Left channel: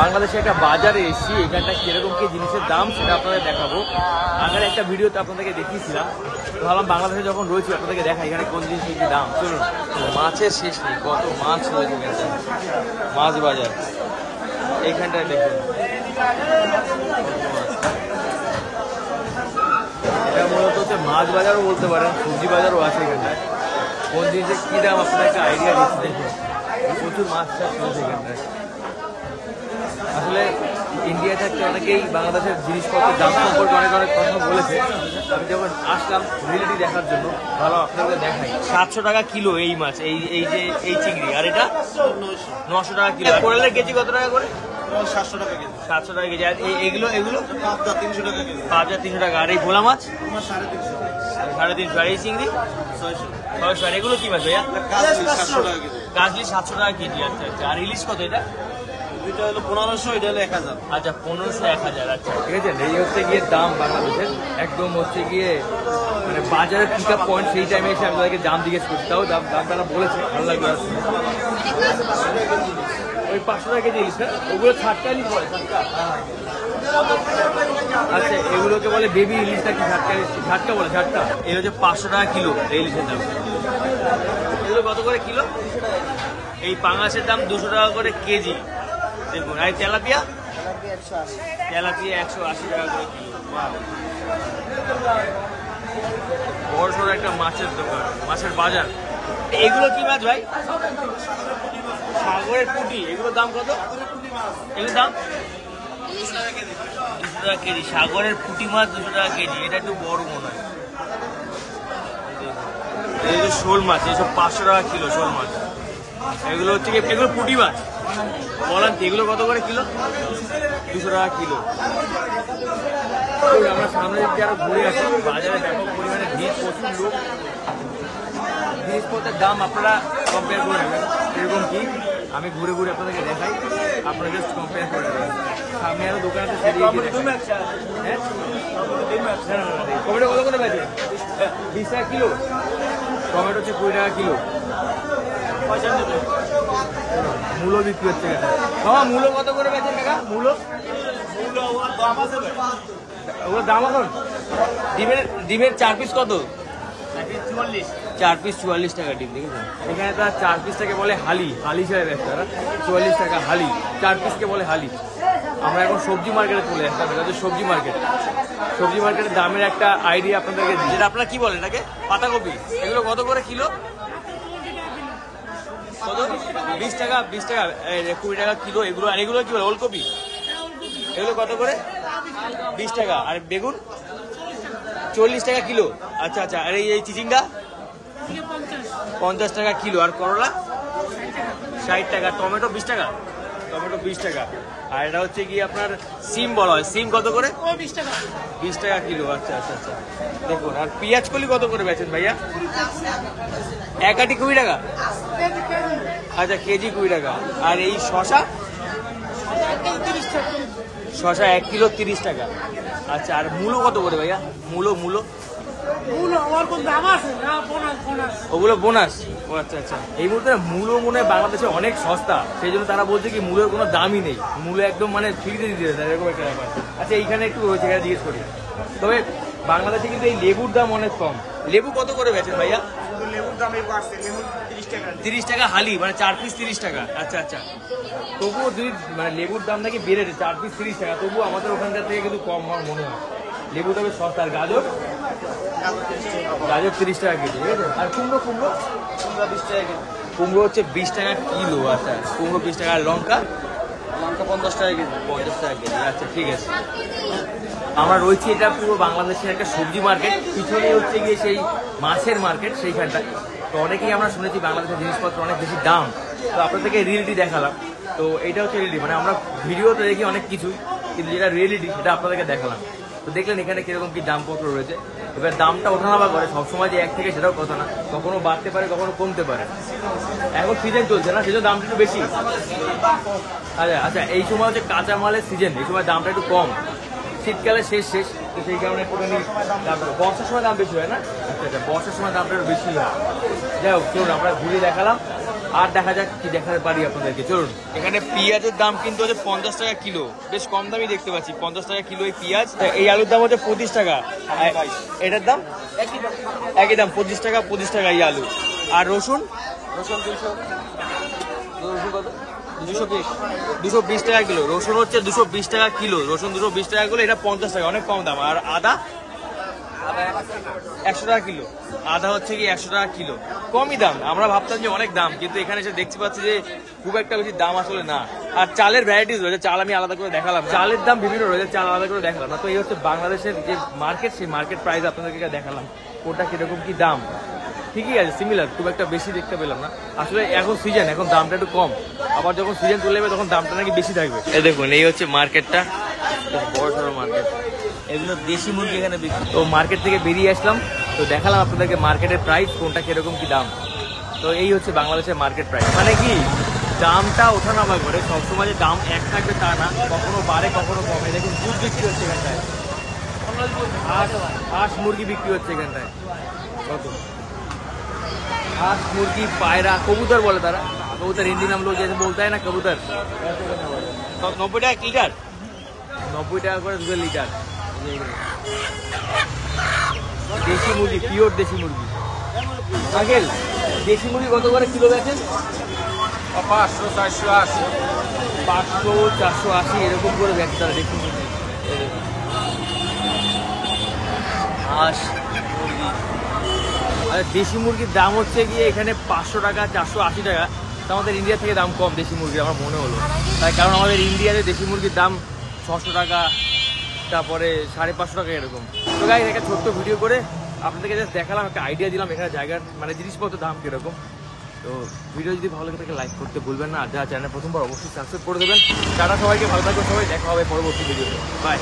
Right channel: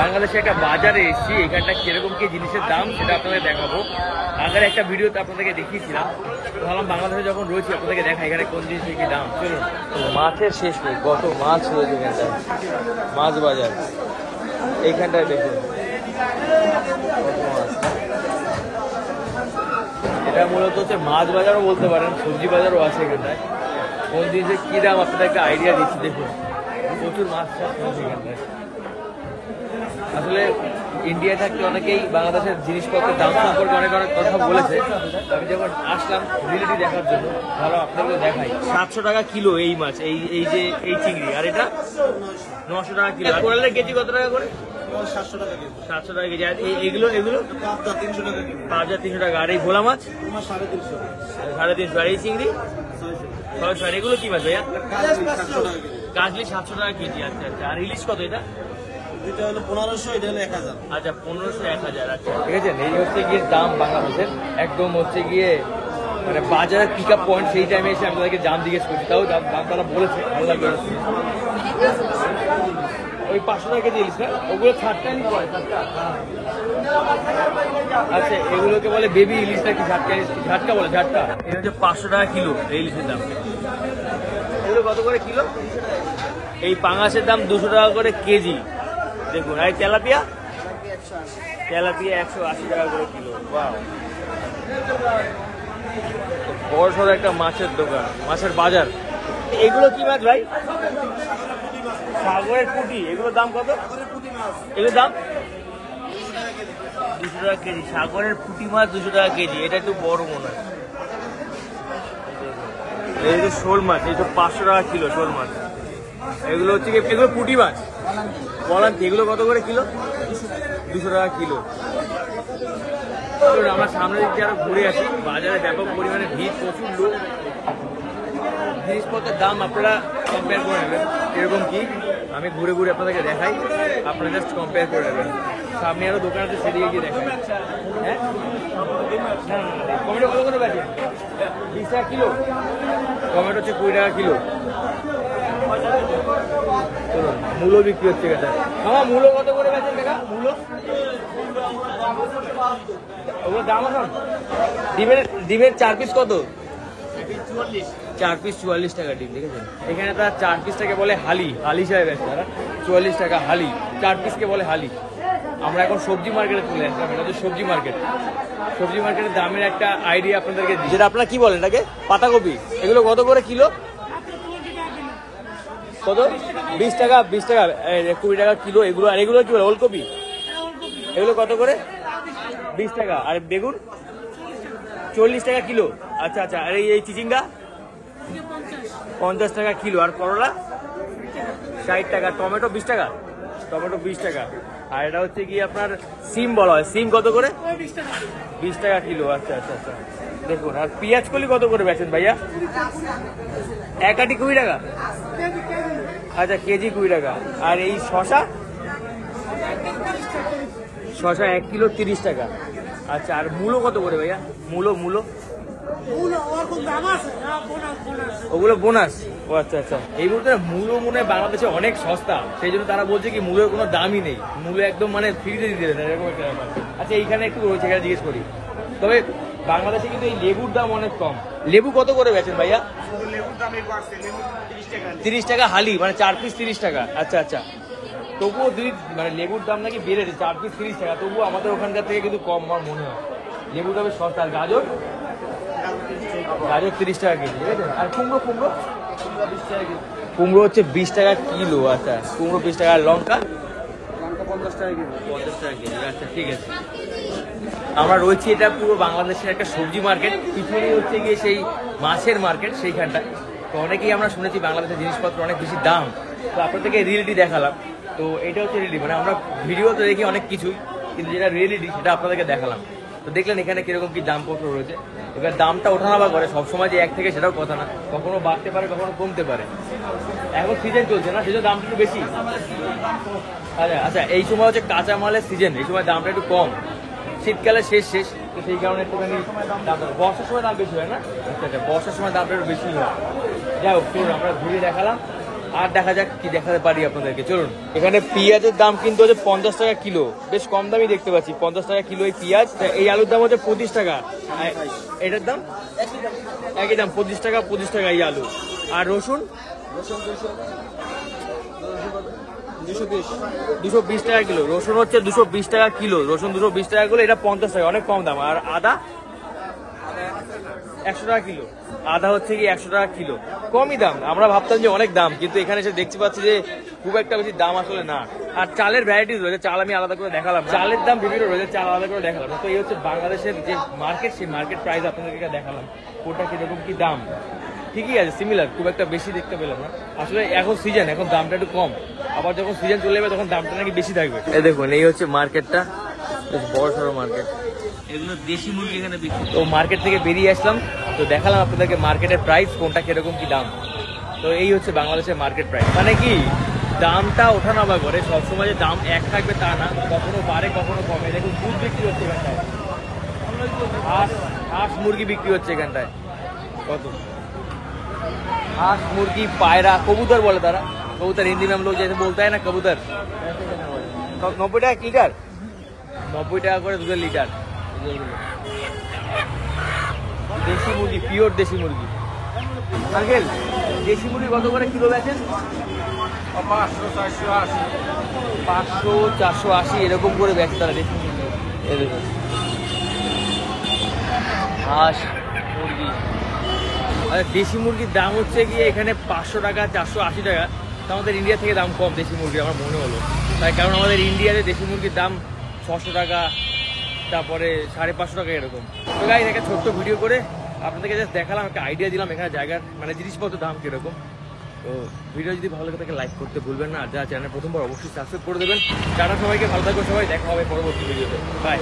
বাংলাদেশে একটা বাজারে এসেছি, এখানটা কিরকম কি জিনিসের দাম সেটা আপনাদের দেখাবো। আগের একটা ভিডিওতে আপনাদেরকে দেখিয়েছিলাম, তো ভাবলাম বাংলাদেশে যখন রয়েছি আপনাদেরকে দেখা এখানে কোন জিনিসের কি দাম। চলুন, মাছের শেষ নেই, কত মাছ রয়েছে এখানটায়, মাছ বাজার এইখানটায় দেখুন কত মাছ। এটা মূলত হচ্ছে মাছ বাজারও বলতে পারেন, সবজি বাজারও আছে এখানটায়। কোন জিনিসের কী দাম আপনাদের একটা আইডিয়া দিচ্ছি। দেখুন প্রচুর মাছ চাষ রয়েছে এখানটায়। আসলে ইন্ডিয়া থাকতে অনেকেই বাংলাদেশের জিনিসপত্রের দাম সম্পর্কে অনেক অনেক কথা বলেছে। আমি যখন আসলাম রিয়েলিটি দেখার জন্য, ভালো আপনাদেরকে দেখাই। 700 টাকা কিলো এই মাছ, এই যে এই চিংড়ি, আর এটা 900 টাকা কিলো। কোরালের কেজি কত টাকা করে? 700 টাকা কেজি। আর এইগুলো পাবদা 300 টাকা কেজি। পাবদা 300 টাকা। আর এই ভোলা মাছ 350। আর এই চিংড়ি 600। আর এগুলো কি মাছ ভাইয়া? কাজলি 700 টাকা কেজি। আচ্ছা আচ্ছা। আর ইলিশ কত এটা? আচ্ছা 1500, 1000। আচ্ছা ঠিক আছে। এই হচ্ছে গিয়ে দাম বাংলাদেশের, একদম হচ্ছে গিয়ে মানে বাজারের পিক আপ পয়েন্ট। সেই টাইমে এসে আমি তাদেরকে দাম জিজ্ঞেস করছি, তাও দাম তারা বলেছে, ভালো লাগবে না শুনে। ওই 500 টাকা কেজি ইলিশ, ওগুলো 60 ইলিশ বলে, 60। আচ্ছা এগুলোকে বলে বেবি ইলিশ নাকি ঝাটকা ইলিশ? ঝাটকা বলে, ঝাটকা। এই হচ্ছে 500 টাকা কিলো এই ইলিশের দাম। এগুলো কত করে কিলো? এই পাঙাশের দাম 200 টাকা করে কেজি। দেখুন। আর তেলাপিয়া 180 টাকা করে কিলো। বাহ, বড় সড়ো একটা মাছের দোকান, মাছের বাজার। এগুলো কি মাছ ভাই? সাগরের পুঁটি। এগুলোর দাম কত? এগুলোর দাম 200 টাকা কেজি। সাগরের পুঁটি মাছ 200 টাকা কেজি। এটা একটু বড় মনে হয়। এই যে শোল মাছ, এইসব 500 টাকা কিলো শোল মাছ। এগুলো হচ্ছে কি, এগুলো পুঁটি মাছ বলান। এগুলো কত করে কিলো? 200 টাকা কিলো। আমরা সামনের দিক দিয়ে আরো ঘুরে আসি। বাজারে ব্যাপক পরিমাণে ভিড়, প্রচুর লোক। জিনিসপত্রের দাম আপনারা কম্পেয়ার করে নেবেন। এরকম কি আমি ঘুরে ঘুরে আপনাদেরকে দেখাই, আপনারা জাস্ট কম্পেয়ার করে নেবেন। সামনে আরো দোকান আছে, সেদিকে গিয়ে দেখাই। হ্যাঁ না না না, টমেটো কত করে বেচেন? 20 টাকা কিলো। টমেটো হচ্ছে 20 টাকা কিলো। মূলো বিক্রি হচ্ছে কাকা। মামা মূলো কত করে বেচেন কাকা? মূলো ওগুলো দাম এখন? ডিমের 4 পিস কত? 4 পিস 44 টাকা ডিম। দেখেছেন এখানে তারা 4 পিসটাকে বলে হালি, হালি হিসাবে ব্যস্ত তারা। 44 টাকা হালি, 4 পিসকে বলে হালি। আমরা এখন সবজি মার্কেটে চলে আসলাম। এটা হচ্ছে সবজি মার্কেট। সবজি মার্কেটের দামের একটা আইডিয়া আপনাদেরকে দিই। যেটা আপনারা কি বলেন এটাকে? পাতাকপি। এগুলো কত করে কিলো? কত? 20 টাকা, 20 টাকা, 20 টাকা কিলো এগুলো। আর এগুলো কি বলে? ওলকপি। এগুলো কত করে? 20 টাকা। আর বেগুন 40 টাকা কিলো। আচ্ছা আচ্ছা। আর এই চিচিঙ্গা 50 টাকা কিলো। আর করলা 60 টাকা। টমেটো 20 টাকা। টমেটো 20 টাকা। আর এটা হচ্ছে কি আপনার সিম বলা হয়। সিম কত করে? 20 টাকা কিলো। আচ্ছা আচ্ছা আচ্ছা। দেখুন। আর পেঁয়াজ কলি কত করে বেচেন ভাইয়া? এক আটি 20 টাকা। আচ্ছা কেজি 20 টাকা। আর এই শশা? শশা 1 কিলো 30 টাকা। আচ্ছা। আর মূলো কত করে ভাইয়া? মূলো ওগুলো বোনাস। ও আচ্ছা আচ্ছা। এই মুহূর্তে মূলো মনে হয় বাংলাদেশে অনেক সস্তা, সেই জন্য তারা বলছে কি মূলোর কোনো দামই নেই, মূলো একদম মানে ফ্রিতে দিতে দেয় এরকম একটা ব্যাপার। আচ্ছা এইখানে একটু রয়েছে, এখানে জিজ্ঞেস করি। তবে বাংলাদেশে কিন্তু এই লেবুর দাম অনেক কম। লেবু কত করে বেচেন ভাইয়া? লেবুর দাম 30 টাকা হালি, মানে 4 পিস 30 টাকা। আচ্ছা আচ্ছা। তবুও মানে লেবুর দাম নাকি বেড়েছে, 4 পিস 30 টাকা। তবুও আমাদের ওখানকার থেকে কিন্তু কম আমার মনে হয়। লেবু তবে সস্তা। আর গাজর 30 টাকা কেজি। ঠিক আছে। আর কুমড়ো 20 হচ্ছে 20 টাকা কিলো। আচ্ছা কুমড়ো 20 টাকা। আর লঙ্কা 50 টাকা কেজি। 50 টাকা কেজি। আচ্ছা ঠিক আছে। আমরা রয়েছি, এটা পুরো বাংলাদেশের একটা সবজি মার্কেট। পিছনেই হচ্ছে গিয়ে সেই মাছের মার্কেট, সেইখানটায়। তো অনেকেই আমরা শুনেছি বাংলাদেশের জিনিসপত্র অনেক বেশি দাম, তো আপনাদেরকে রিয়েলিটি দেখালাম। তো এটা হচ্ছে রিয়েলিটি, মানে আমরা ভিডিওতে দেখি অনেক কিছুই, কিন্তু যেটা রিয়েলিটি সেটা আপনাদেরকে দেখালাম। তো দেখলেন এখানে কিরকম কি দামপত্র রয়েছে। এবার দামটা ওঠানামা করে, সবসময় যে এক থেকে সেটাও কথা না, কখনো বাড়তে পারে কখনো কমতে পারে। এখন সিজন চলছে না, সেজন্য দামটা একটু বেশি। আচ্ছা আচ্ছা। এই সময় হচ্ছে কাঁচামালের সিজন, এই সময় দামটা একটু কম। শীতকালে শেষ, তো সেই কারণে একটুখানি দামটা। বর্ষার সময় দাম বেশি হয় না? আচ্ছা আচ্ছা। বর্ষার সময় দামটা একটু বেশি হয়। যাই হোক চলুন, আমরা ঘুরে দেখালাম। আর দেখা যাক কি দেখাতে পারি আপনাদেরকে, চলুন। এখানে পেঁয়াজের দাম কিন্তু হচ্ছে 50 টাকা কিলো, বেশ কম দামই দেখতে পাচ্ছি, 50 টাকা কিলো এই পেঁয়াজ। এই আলুর দাম হচ্ছে 25 টাকা, এটার দাম একই দাম 25 টাকা এই আলু। আর রসুন 220 টাকা কিলো, রসুন হচ্ছে 220 টাকা কিলো, রসুন 220 টাকা কিলো, এটা 50 টাকা, অনেক কম দাম। আর আদা 100 টাকা কিলো, আদা হচ্ছে কি 100 টাকা কিলো, কমই দাম। আমরা ভাবতাম যে অনেক দাম, কিন্তু এখানে এসে দেখতে পাচ্ছি যে খুব একটা বেশি দাম আসলে না। আর চালের ভ্যারাইটিস রয়েছে, চাল আমি আলাদা করে দেখালাম, চালের দাম বিভিন্ন রয়েছে, চাল আলাদা করে দেখালাম না। তো এই হচ্ছে বাংলাদেশের যে মার্কেট, সেই মার্কেট প্রাইস আপনাদেরকে দেখালাম, কোনটা কিরকম কি দাম। ঠিকই আছে, সিমিলার, খুব একটা বেশি দেখতে পেলাম না। আসলে এখন সিজন, এখন দামটা একটু কম, আবার যখন সিজন চলে যাবে তখন দামটা নাকি বেশি থাকবে। এই দেখুন, এই হচ্ছে মার্কেটটা, বেশ বড় সড়ো মার্কেট, এগুলো দেশি মুরগি এখানে বিক্রি। তো মার্কেট থেকে বেরিয়ে আসলাম, তো দেখালাম আপনাদেরকে মার্কেটের প্রাইস কোনটা কিরকম কি দাম। তো এই হচ্ছে বাংলাদেশের মার্কেট প্রাইস, মানে কি দামটা ওঠানামা করে, সবসময় যে দাম এক থাকবে তা না, কখনো বাড়ে কখনো কমে। দেখুন দুধ বিক্রি হচ্ছে এখানটায়, হাঁস মুরগি বিক্রি হচ্ছে এখানটায়, কত হাঁস মুরগি পায়রা কবুতর বলে তারা, कबूतर हिंदी में हम लोग जैसे बोलता है ना कबूतर, वैसे कहना बोले। 90 টাকা লিটার, 90 টাকা করে 2 লিটার। দেশি মুরগি, পিওর দেশি মুরগি। আঙ্কেল দেশি মুরগি কত করে কিলো বেচেন? 500 480 এরকম করে বেচে তারা দেশি মুরগি। হাঁস মুরগি, আর দেশি মুরগির দাম হচ্ছে গিয়ে এখানে 500 টাকা 480 টাকা। আমাদের ইন্ডিয়া থেকে দাম কম দেশি মুরগির, আমার মনে হলো তাই, কারণ আমাদের ইন্ডিয়াতে দেশি মুরগির দাম 600 টাকা, তারপরে 550 টাকা এরকম। তো গাইস একটা ছোট্ট ভিডিও করে আপনাদেরকে জাস্ট দেখালাম, একটা আইডিয়া দিলাম এখানে জায়গার মানে জিনিসপত্রের দাম কিরকম। তো ভিডিও যদি ভালো লাগে তাকে লাইক করতে ভুলবেন না, আর যারা চ্যানেল প্রথমবার অবশ্যই সাবস্ক্রাইব করে দেবেন। টাটা সবাইকে, ভালো থাকবে সবাই, দেখা হবে পরবর্তী ভিডিওতে, বাই।